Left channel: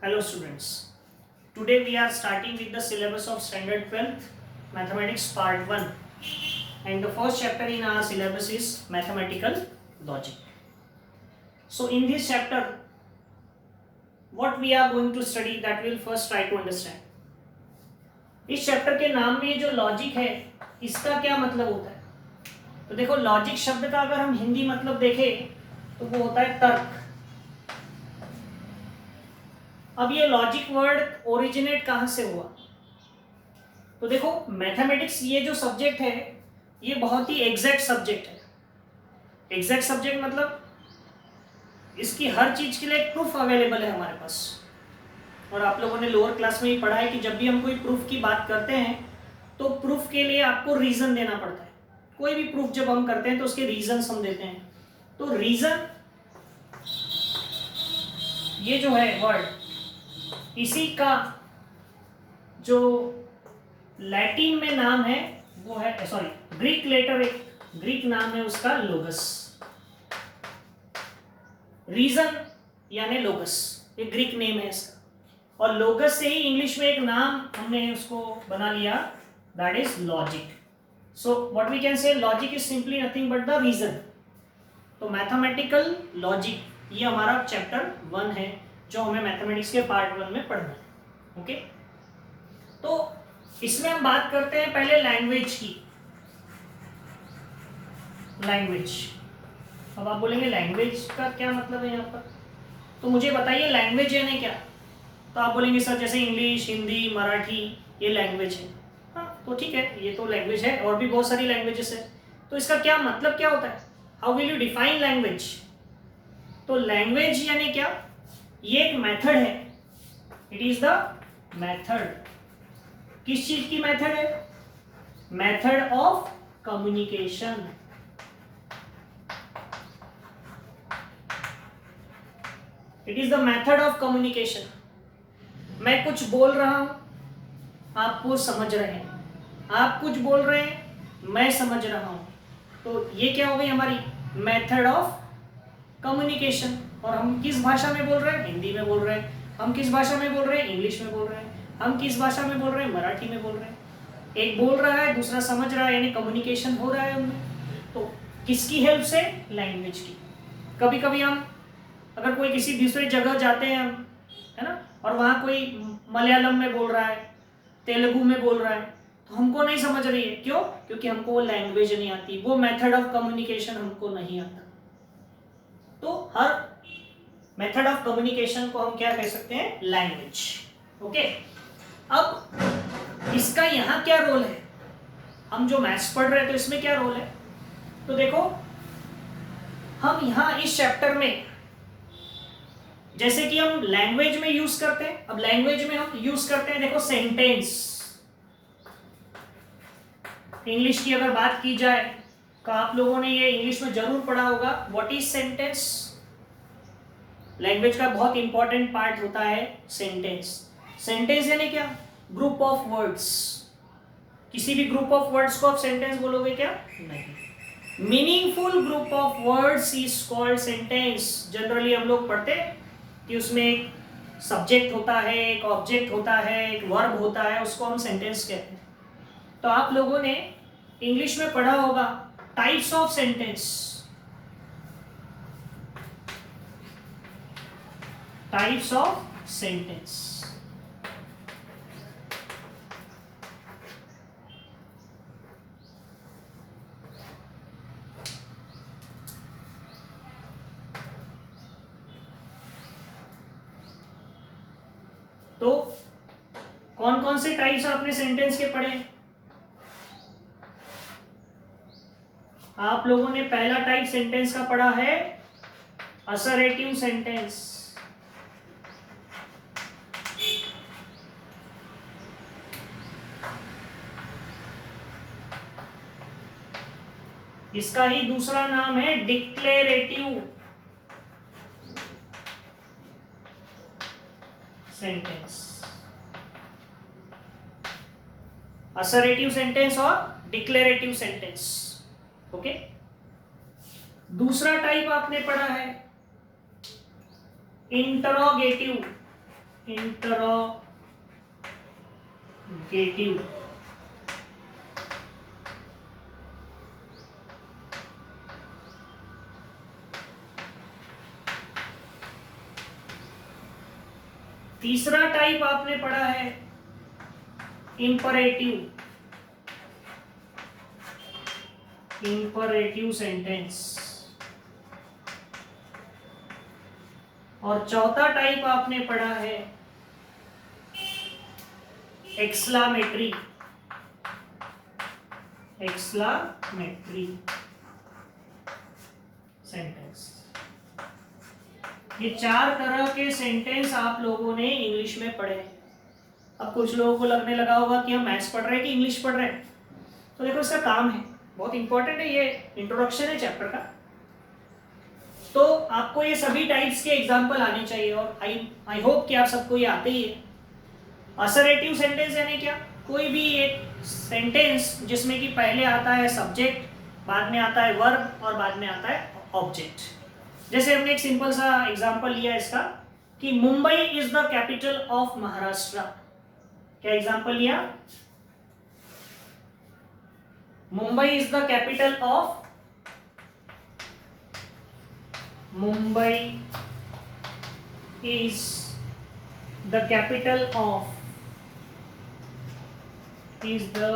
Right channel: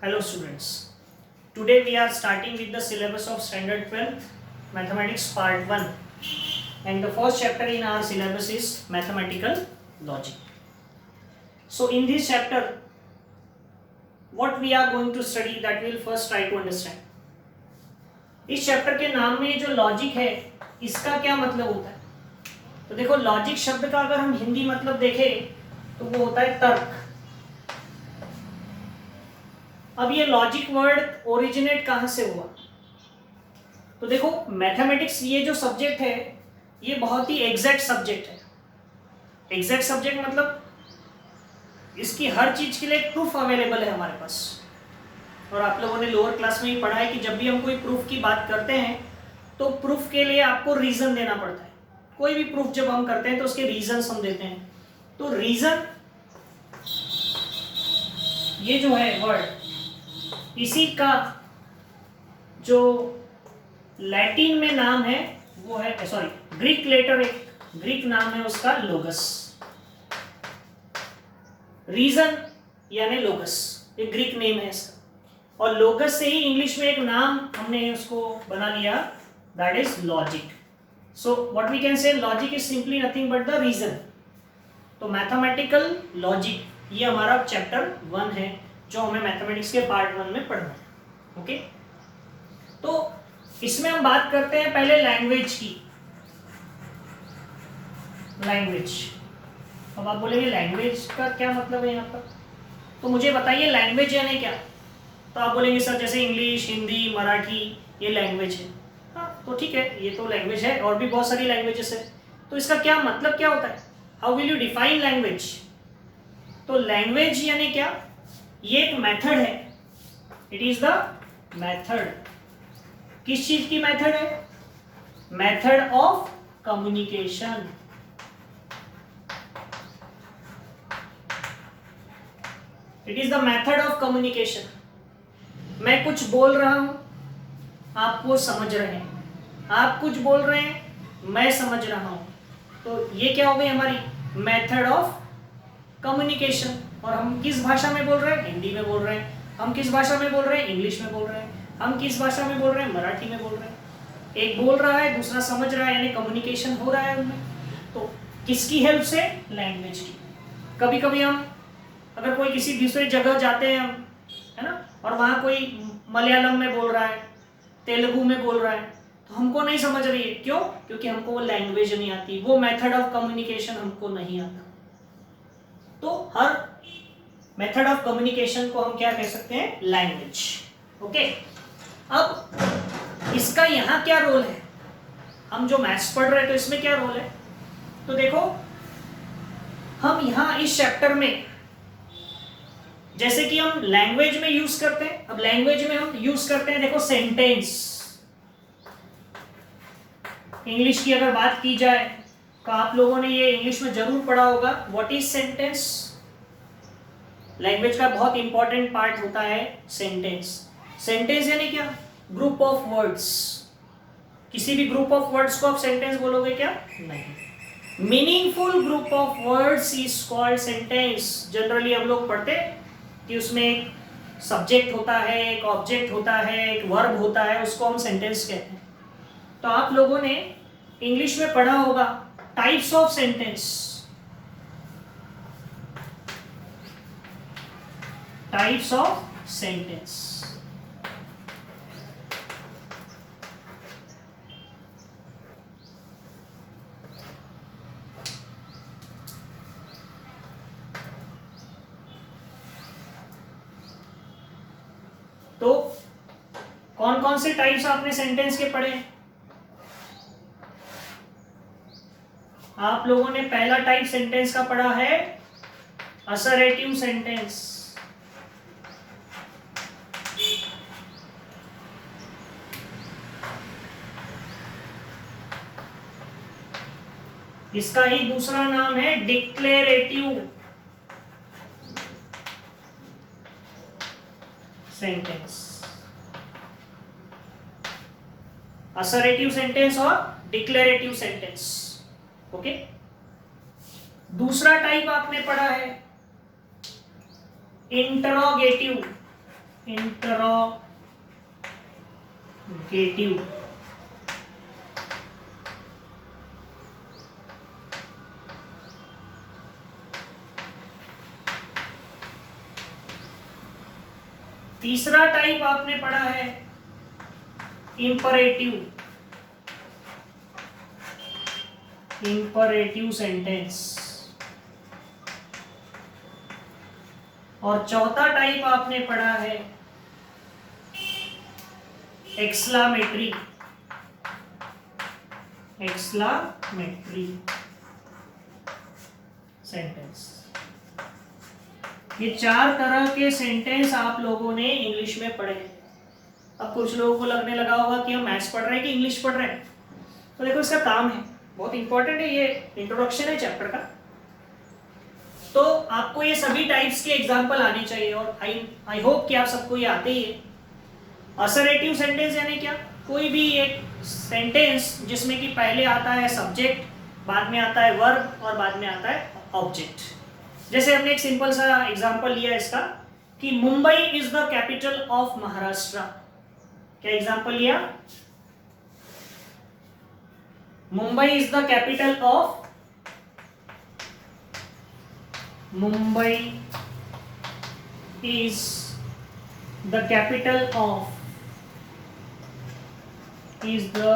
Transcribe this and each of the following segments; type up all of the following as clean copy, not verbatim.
Hello students. Today we are starting with the syllabus of standard 12th mathematics part 1 and the first chapter in our syllabus is mathematical logic. So in this chapter what we are going to study that we will first try to understand. इस chapter के नाम में जो logic है इसका क्या मतलब होता है? तो देखो लॉजिक शब्द का अगर हम हिंदी मतलब देखें तो वो होता है तर्क. अब ये लॉजिक वर्ड ओरिजिनेट कहाँ से हुआ? तो देखो मैथमेटिक्स ये जो सब्जेक्ट है ये बहुत ही एग्जैक्ट सब्जेक्ट है. एग्जैक्ट सब्जेक्ट मतलब इसकी हर चीज के लिए एक प्रूफ अवेलेबल है हमारे पास. और आप लोगों ने लोअर क्लास में ही पढ़ा है कि जब भी हम कोई प्रूफ की बात करते हैं तो प्रूफ के लिए आपको रीजन देना पड़ता है. कोई भी प्रूफ जब हम करते हैं तो उसके रीजन हम देते हैं. तो रीजन ये जो है वर्ड इसी का जो लैटिन में नाम है वो है ग्रीक लेटर एक ग्रीक नाम है उसका लोगस. रीजन यानी लोगस ये ग्रीक नेम है इसका. और लोगस से ही इंग्लिश में एक नाम हमने उसको बना लिया that is logic. So what we can say logic is simply nothing but the reason. तो मैथमेटिकल लॉजिक ये हमारा चैप्टर 1 है जो हमें मैथमेटिक्स के पार्ट 1 में पढ़ना है. ओके तो इसमें हम बात करते हैं पहले लैंग्वेज की. लैंग्वेज. अब आप बोलेंगे लैंग्वेज का क्या मतलब है यहाँ पर? तो मुझे बताइए लैंग्वेज यानी क्या? तो आप बोलेंगे सर जैसे इंग्लिश, हिंदी, मराठी ये लैंग्वेज है. हाँ तो ठीक है ये तो लैंग्वेज है और भी बहुत सारी लैंग्वेजेस है. तो इसका क्या मतलब क्या होता है? How will you define language? तो लैंग्वेज यानी क्या? ये एक मेथड है. It is the method. किस चीज की मेथड है? Method of communication. It is the method of communication. मैं कुछ बोल रहा हूं आप वो समझ रहे हैं. आप कुछ बोल रहे हैं मैं समझ रहा हूं. तो ये क्या हो गई हमारी मेथड ऑफ कम्युनिकेशन. और हम किस भाषा में बोल रहे हैं? हिंदी में बोल रहे हैं. हम किस भाषा में बोल रहे हैं? इंग्लिश में बोल रहे हैं. हम किस भाषा में बोल रहे हैं? मराठी में बोल रहे हैं. एक बोल रहा है दूसरा समझ रहा है यानी कम्युनिकेशन हो रहा है उनमें. तो किसकी हेल्प से? लैंग्वेज की. कभी कभी हम अगर कोई किसी दूसरी जगह जाते हैं हम है ना और वहाँ कोई मलयालम में बोल रहा है, तेलुगु में बोल रहा है तो हमको नहीं समझ रही है. क्यों? क्योंकि हमको वो लैंग्वेज नहीं आती, वो मेथड ऑफ कम्युनिकेशन हमको नहीं आता. तो हर मेथड ऑफ कम्युनिकेशन को हम क्या कह सकते हैं? लैंग्वेज. ओके अब इसका यहाँ क्या रोल है? हम जो मैथ्स पढ़ रहे हैं तो इसमें क्या रोल है? तो देखो हम यहाँ इस चैप्टर में जैसे कि हम लैंग्वेज में यूज करते हैं. अब लैंग्वेज में हम यूज करते हैं देखो सेंटेंस. इंग्लिश की अगर बात की जाए तो आप लोगों ने ये इंग्लिश में जरूर पढ़ा होगा व्हाट इज सेंटेंस. लैंग्वेज का बहुत इंपॉर्टेंट पार्ट होता है सेंटेंस. सेंटेंस यानी क्या? Group of words. किसी भी ग्रुप ऑफ वर्ड्स को आप सेंटेंस बोलोगे क्या? नहीं. Meaningful group of words is called sentence. Generally हम लोग पढ़ते हैं कि उसमें एक सब्जेक्ट होता है, एक ऑब्जेक्ट होता है, एक वर्ब होता है, उसको हम सेंटेंस कहते हैं. तो आप लोगों ने इंग्लिश में पढ़ा होगा types of sentence. Types of sentence. तो कौन कौन से टाइप्स आपने सेंटेंस के पढ़े? आप लोगों ने पहला टाइप सेंटेंस का पढ़ा है असर्टिव सेंटेंस. इसका ही दूसरा नाम है डिक्लेरेटिव सेंटेंस. असर्टिव सेंटेंस और डिक्लेरेटिव सेंटेंस. ओके दूसरा टाइप आपने पढ़ा है इंटरोगेटिव. इंटरोगेटिव। तीसरा टाइप आपने पढ़ा है इंपरेटिव, इंपरेटिव सेंटेंस। और चौथा टाइप आपने पढ़ा है एक्सक्लामेटरी, एक्सक्लामेटरी सेंटेंस। ये चार तरह के सेंटेंस आप लोगों ने इंग्लिश में पढ़े। अब कुछ लोगों को लगने लगा होगा कि हम मैथ्स पढ़ रहे हैं कि इंग्लिश पढ़ रहे हैं, तो देखो इसका काम है, बहुत इंपॉर्टेंट है, ये इंट्रोडक्शन है चैप्टर का। तो आपको ये सभी टाइप्स के एग्जाम्पल आने चाहिए और आई होप कि आप सबको ये आते ही है। असर्टिव सेंटेंस यानी क्या? कोई भी एक सेंटेंस जिसमें कि पहले आता है सब्जेक्ट, बाद में आता है वर्ब और बाद में आता है ऑब्जेक्ट। जैसे हमने एक सिंपल सा एग्जांपल लिया इसका कि Mumbai is the capital of Maharashtra. क्या एग्जांपल लिया? Mumbai is the capital of, Mumbai is the capital of, is the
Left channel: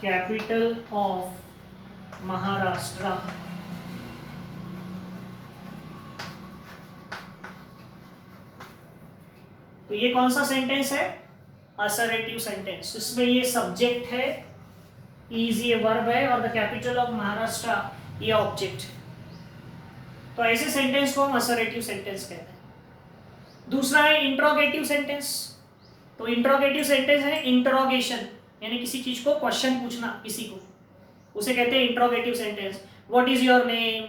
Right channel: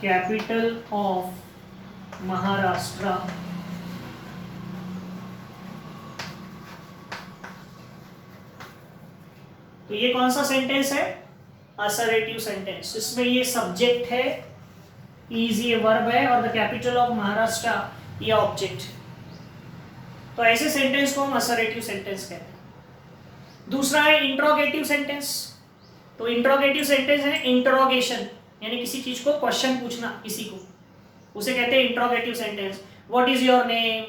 capital of Maharashtra. तो ये कौन सा सेंटेंस है? Assertive sentence. इसमें ये सब्जेक्ट है, इज ये वर्ब है और द कैपिटल ऑफ महाराष्ट्र ये ऑब्जेक्ट। तो ऐसे सेंटेंस को हम असर्टिव सेंटेंस कहते हैं। दूसरा है इंट्रोगेटिव सेंटेंस। तो इंट्रोगेटिव सेंटेंस है इंट्रोगेशन, यानी किसी चीज को क्वेश्चन पूछना किसी को, उसे कहते हैं interrogative sentence. What is your name,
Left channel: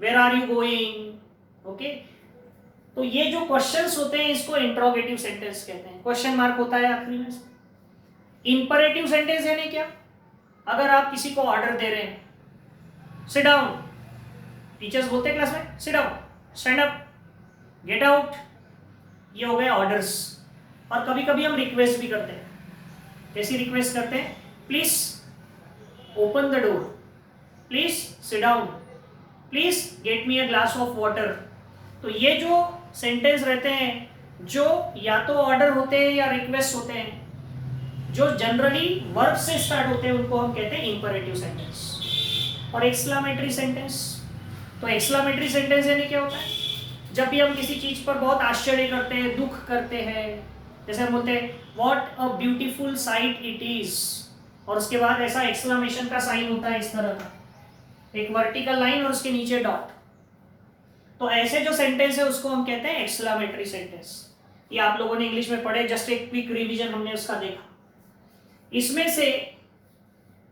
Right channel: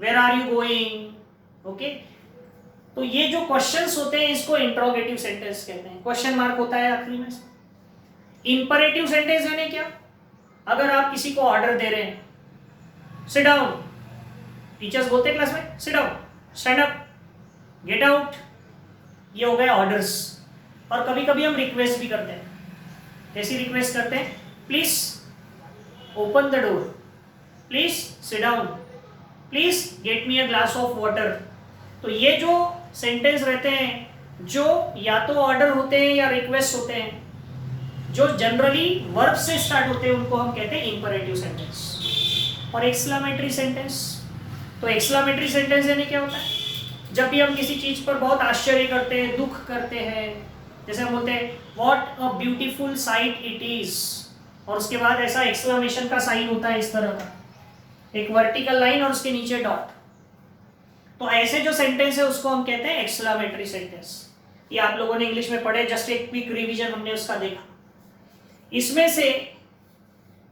where are you going, okay. तो ये जो क्वेश्चंस होते हैं इसको इंट्रोगेटिव सेंटेंस कहते हैं, क्वेश्चन मार्क होता है आखिरी में। इंपरेटिव सेंटेंस यानी क्या? अगर आप किसी को ऑर्डर दे रहे हैं, सिट डाउन, टीचर्स बोलते हैं क्लास में sit down, stand up, get out, ये हो गए ऑर्डर्स। और कभी कभी हम रिक्वेस्ट भी करते हैं। कैसी रिक्वेस्ट करते हैं? Please open the door, please sit down, please get me a glass of water. तो ये जो सेंटेंस रहते हैं जो या तो ऑर्डर होते हैं या रिक्वेस्ट होते हैं, जो जनरली वर्ब से स्टार्ट होते हैं, उनको हम कहते हैं इंपरेटिव सेंटेंस। और एक्सक्लामेटरी सेंटेंस, तो एक्सक्लामेटरी सेंटेंस यानी क्या होता है? जब भी हम किसी चीज पर बहुत आश्चर्य करते हैं, दुख करते हैं, जैसे हम बोलते हैं what a beautiful sight it is, और उसके बाद ऐसा एक्सक्लेमेशन का साइन होता है इस तरह का, एक वर्टिकल लाइन और उसके नीचे डॉट। तो ऐसे जो सेंटेंस है उसको हम कहते हैं एक्सक्लेमेटरी सेंटेंस। ये आप लोगों ने इंग्लिश में पढ़े, जस्ट एक क्विक रिवीजन हमने उसका देखा। इसमें से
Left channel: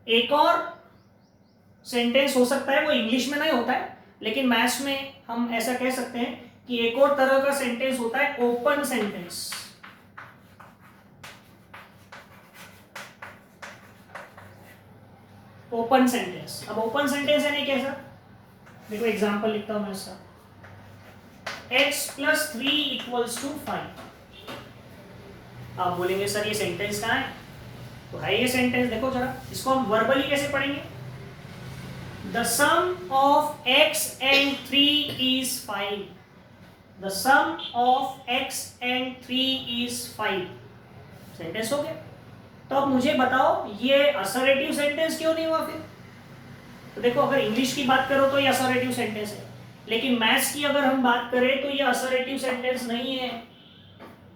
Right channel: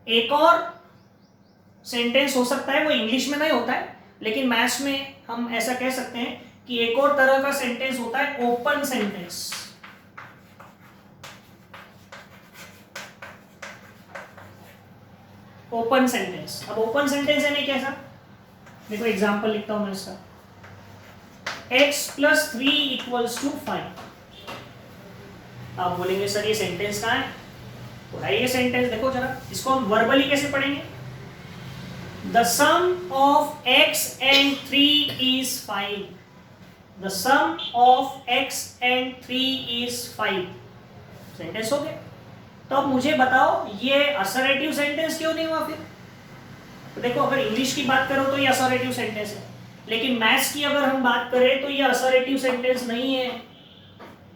एक और सेंटेंस हो सकता है, वो इंग्लिश में नहीं होता है, लेकिन मैथ्स में हम ऐसा कह सकते हैं कि एक और तरह का सेंटेंस होता है ओपन सेंटेंस। Open sentence. अब ओपन सेंटेंस यानी कैसा? देखो एग्जांपल लिखता हूं मैं इसका, x + 3 = 5। आप बोलेंगे सर ये सेंटेंस कहाँ है? तो है ये सेंटेंस, देखो जरा इसको हम वर्बली कैसे पढ़ेंगे? The sum of x and 3 is 5। The sum of x and 3 is 5। Sentence हो गया। तो अब मुझे बताओ ये असर्टिव सेंटेंस क्यों नहीं हुआ फिर? तो देखो अगर इंग्लिश की बात करो तो ये असर्टिव सेंटेंस है, लेकिन मैथ्स की अगर हम बात करें तो ये असर्टिव सेंटेंस नहीं है।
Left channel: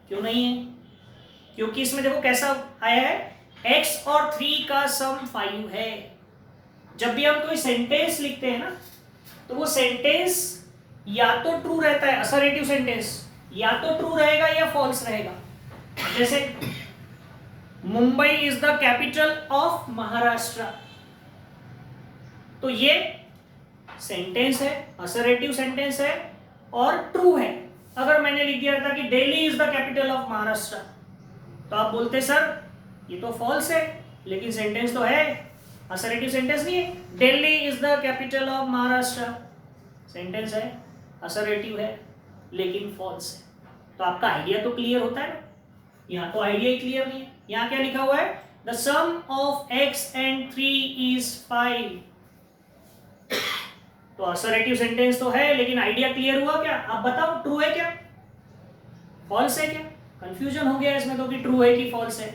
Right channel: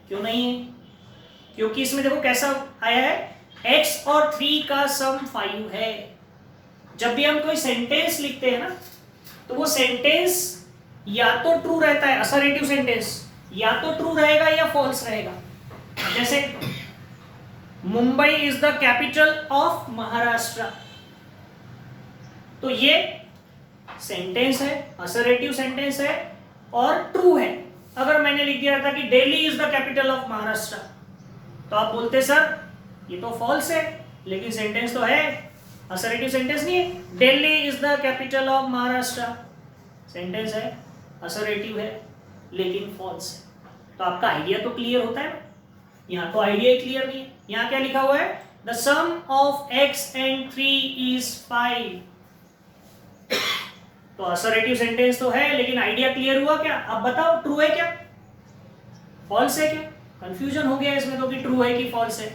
क्यों नहीं है? क्योंकि इसमें देखो कैसा आया है, x और 3 का सम 5 है। जब भी हम कोई सेंटेंस लिखते हैं ना, तो वो सेंटेंस या तो ट्रू रहता है, असर्टिव सेंटेंस या तो ट्रू रहेगा या फॉल्स रहेगा। जैसे Mumbai is the capital of Maharashtra, तो ये सेंटेंस है, असर्टिव सेंटेंस है और ट्रू है। अगर मैंने लिख दिया था कि Delhi is the capital of Maharashtra, तो आप बोलते सर ये तो फॉल्स है, लेकिन सेंटेंस तो है, असर्टिव सेंटेंस नहीं है। Delhi is the capital of Maharashtra, sentence है, असर्टिव है, लेकिन फॉल्स है। तो आपका आइडिया तो क्लियर होता है ना। यहाँ तो आइडिया ही क्लियर नहीं है। यहाँ क्या लिखा हुआ है, the sum of x and 3 is 5। तो असर्टिव सेंटेंस तो है, लेकिन आइडिया क्लियर हुआ क्या? आप बताओ, ट्रू है क्या, फॉल्स है क्या? कंफ्यूजन हो गया इसमें तो कि ट्रू है कि फॉल्स है।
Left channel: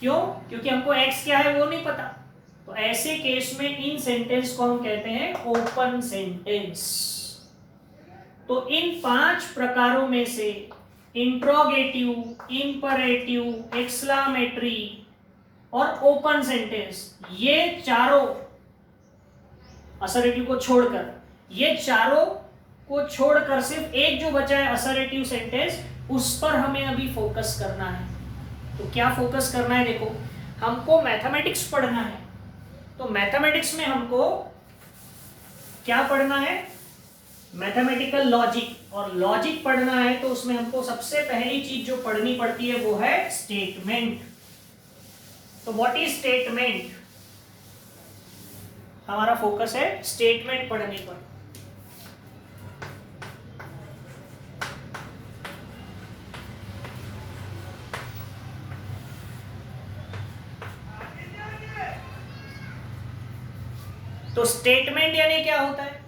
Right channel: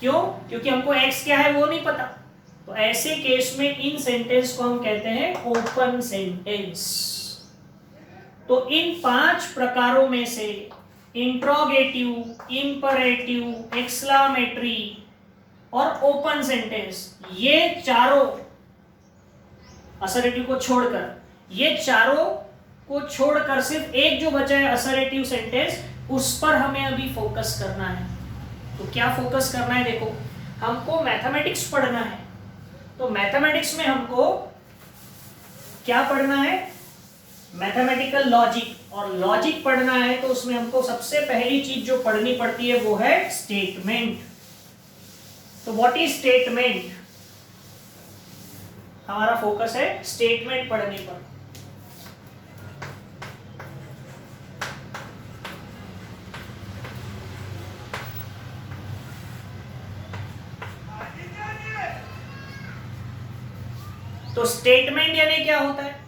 क्यों? क्योंकि हमको x क्या है वो नहीं पता। तो ऐसे केस में इन सेंटेंस को हम कहते हैं ओपन सेंटेंस। तो इन 5 प्रकारों में से इंट्रोगेटिव, इंपरेटिव, एक्सक्लामेटरी और ओपन सेंटेंस, ये चारों असर्टिव को छोड़कर, ये चारों को छोड़कर सिर्फ एक जो बचा है असर्टिव सेंटेंस, उस पर हमें अभी फोकस करना है। तो क्या फोकस करना है? देखो, हमको मैथमेटिक्स पढ़ना है। तो मैथमेटिक्स में हमको क्या पढ़ना है? Mathematical logic. और लॉजिक पढ़ना है तो उसमें हमको सबसे पहली चीज जो पढ़नी पड़ती है वो है स्टेटमेंट। तो व्हाट इज स्टेटमेंट? हमारा फोकस है स्टेटमेंट पढ़ने पर। तो स्टेटमेंट यानी क्या होता है?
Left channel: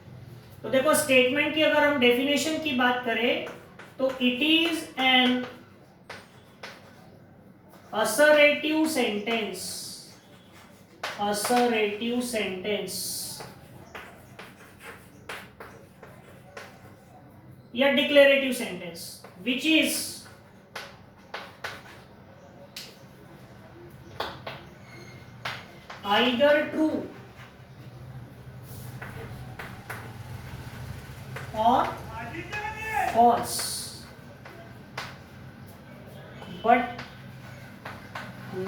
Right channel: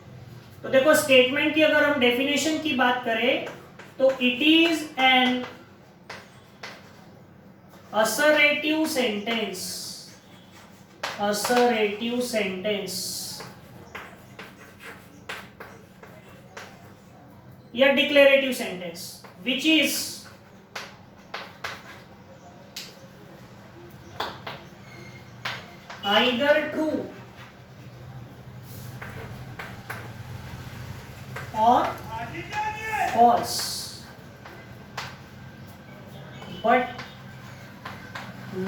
तो देखो, स्टेटमेंट की अगर हम डेफिनेशन की बात करें तो it is an assertive sentence, assertive sentence या declarative sentence which is either true or false, but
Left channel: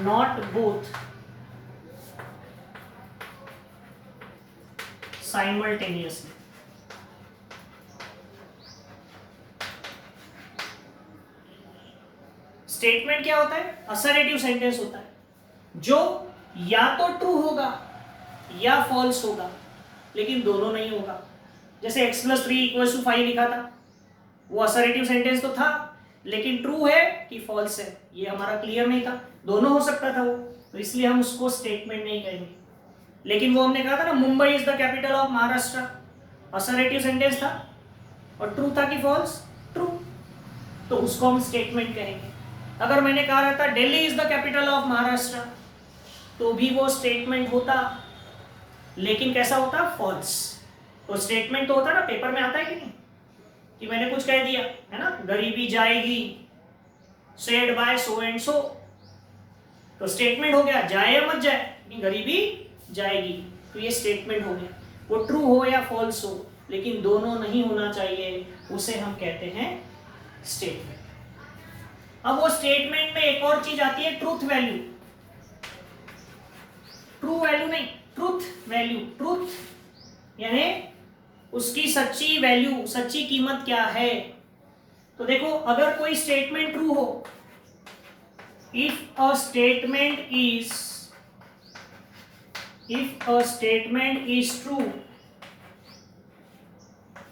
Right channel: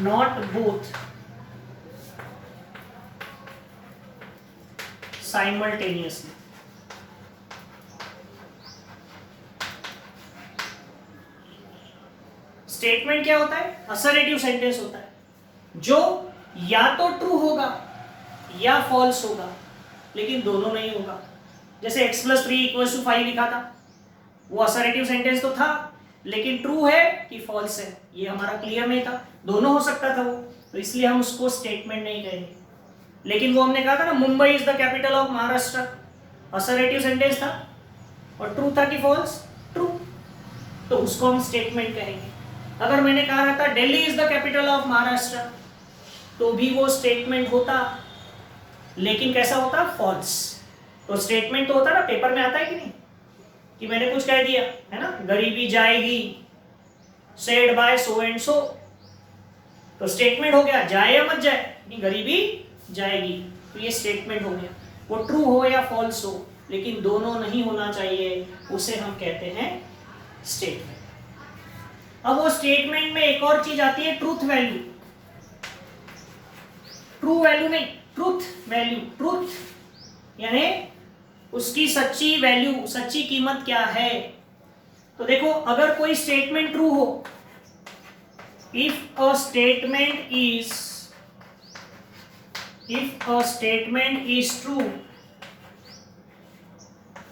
not both simultaneously. Statement क्या होता है? असर्टिव सेंटेंस होता है जो या तो ट्रू होगा या फॉल्स होगा, लेकिन दोनों नहीं होगा। जैसे x + 3 = 5 लिखा था, वो असर्टिव सेंटेंस तो था, लेकिन ट्रू है कि फॉल्स है ये हमारा क्लियर नहीं था। दोनों हो सकता था वो, तो इसलिए हम उसको स्टेटमेंट नहीं कहेंगे। लेकिन वो हमने कहा था ना, Mumbai is the capital of Maharashtra, assertive sentence था और ट्रू था कि फॉल्स? ट्रू, तो उसको हम स्टेटमेंट कहेंगे। अगर मैंने कहा रहता Delhi is the capital of Maharashtra, तो भी वो स्टेटमेंट होता, लेकिन कैसा होता? फॉल्स। तो स्टेटमेंट तो होता ना, पेपर में आता है कि नहीं, कि मैंने कुछ कह दिया है ना, गरीबी जाएगी, said bye so and so, तो स्टेटमेंट हो गया, जाए या मत जाए, गरीबी जाएगी, तो ये स्टेटमेंट हो गया। वो ट्रू हो या फॉल्स हो, लेकिन दोनों नहीं होना चाहिए, उसे हम कहते हैं स्टेटमेंट। अब वो स्टेटमेंट में एक और चीज आती है, ट्रूथ वैल्यू। ट्रू वैल्यू नहीं, ट्रूथ वैल्यू। ट्रूथ यानी उसकी सच्ची वैल्यू, सच्ची कीमत क्या है। तो देखो, अगर कोई स्टेटमेंट ट्रू हो, if a statement is true,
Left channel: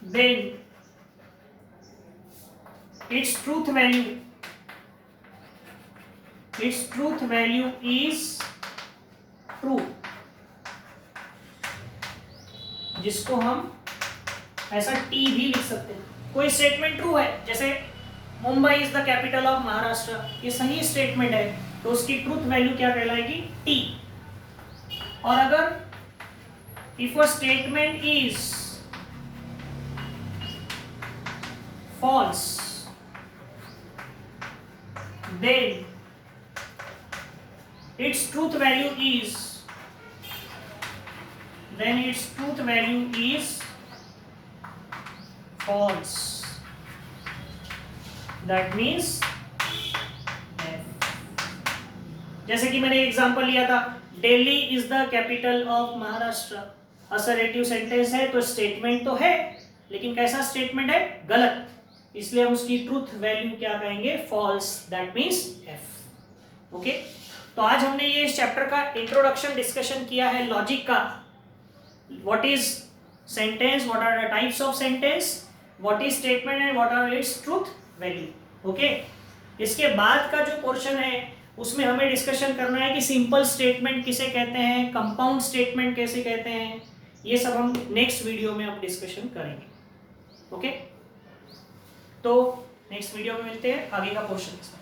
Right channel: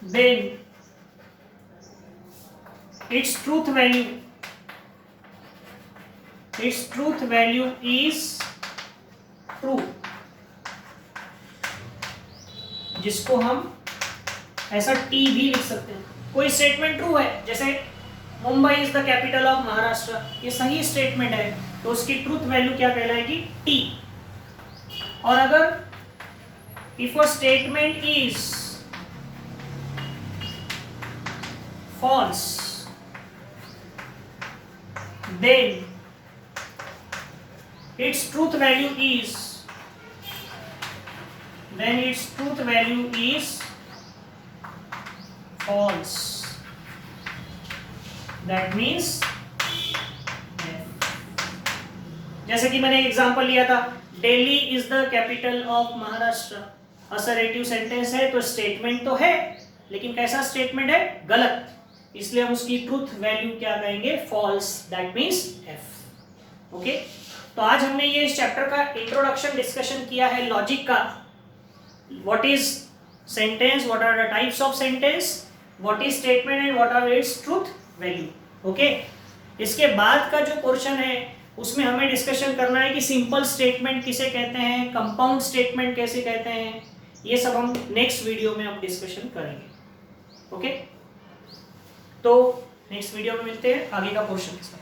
then its truth value is true, जिसको हम ऐसा टी भी लिख सकते हैं। कोई स्टेटमेंट ट्रू है, जैसे Mumbai is the capital of Maharashtra, ये सही स्टेटमेंट है, तो उसकी ट्रूथ वैल्यू क्या कहलाएगी? टी। और अगर if a statement is false, then its truth value is false. That means जैसे कि मैंने एग्जांपल लिया था, Delhi is the capital of Maharashtra, assertive sentence है, तो स्टेटमेंट तो है, लेकिन कैसा स्टेटमेंट है? गलत, इसलिए हम उसकी ट्रूथ वैल्यू क्या कहेंगे? False. That means F. Okay, तो आज हमने ये इस चैप्टर का इंट्रोडक्शन डिस्कशन किया है लॉजिक का। What is sentence, what are the types of sentence, what is statement and what are its truth value. Okay, इसके बाद का जो पोर्शन है उसमें हमें डिस्कशन करना है कि सिंपल स्टेटमेंट किसे कहते हैं, कंपाउंड स्टेटमेंट कैसे कहते हैं, ये सब हम नेक्स्ट वीडियो में हम डिस्कशन करेंगे। ओके, तो नेक्स्ट वीडियो में मिलते हैं आगे का पोर्शन के साथ।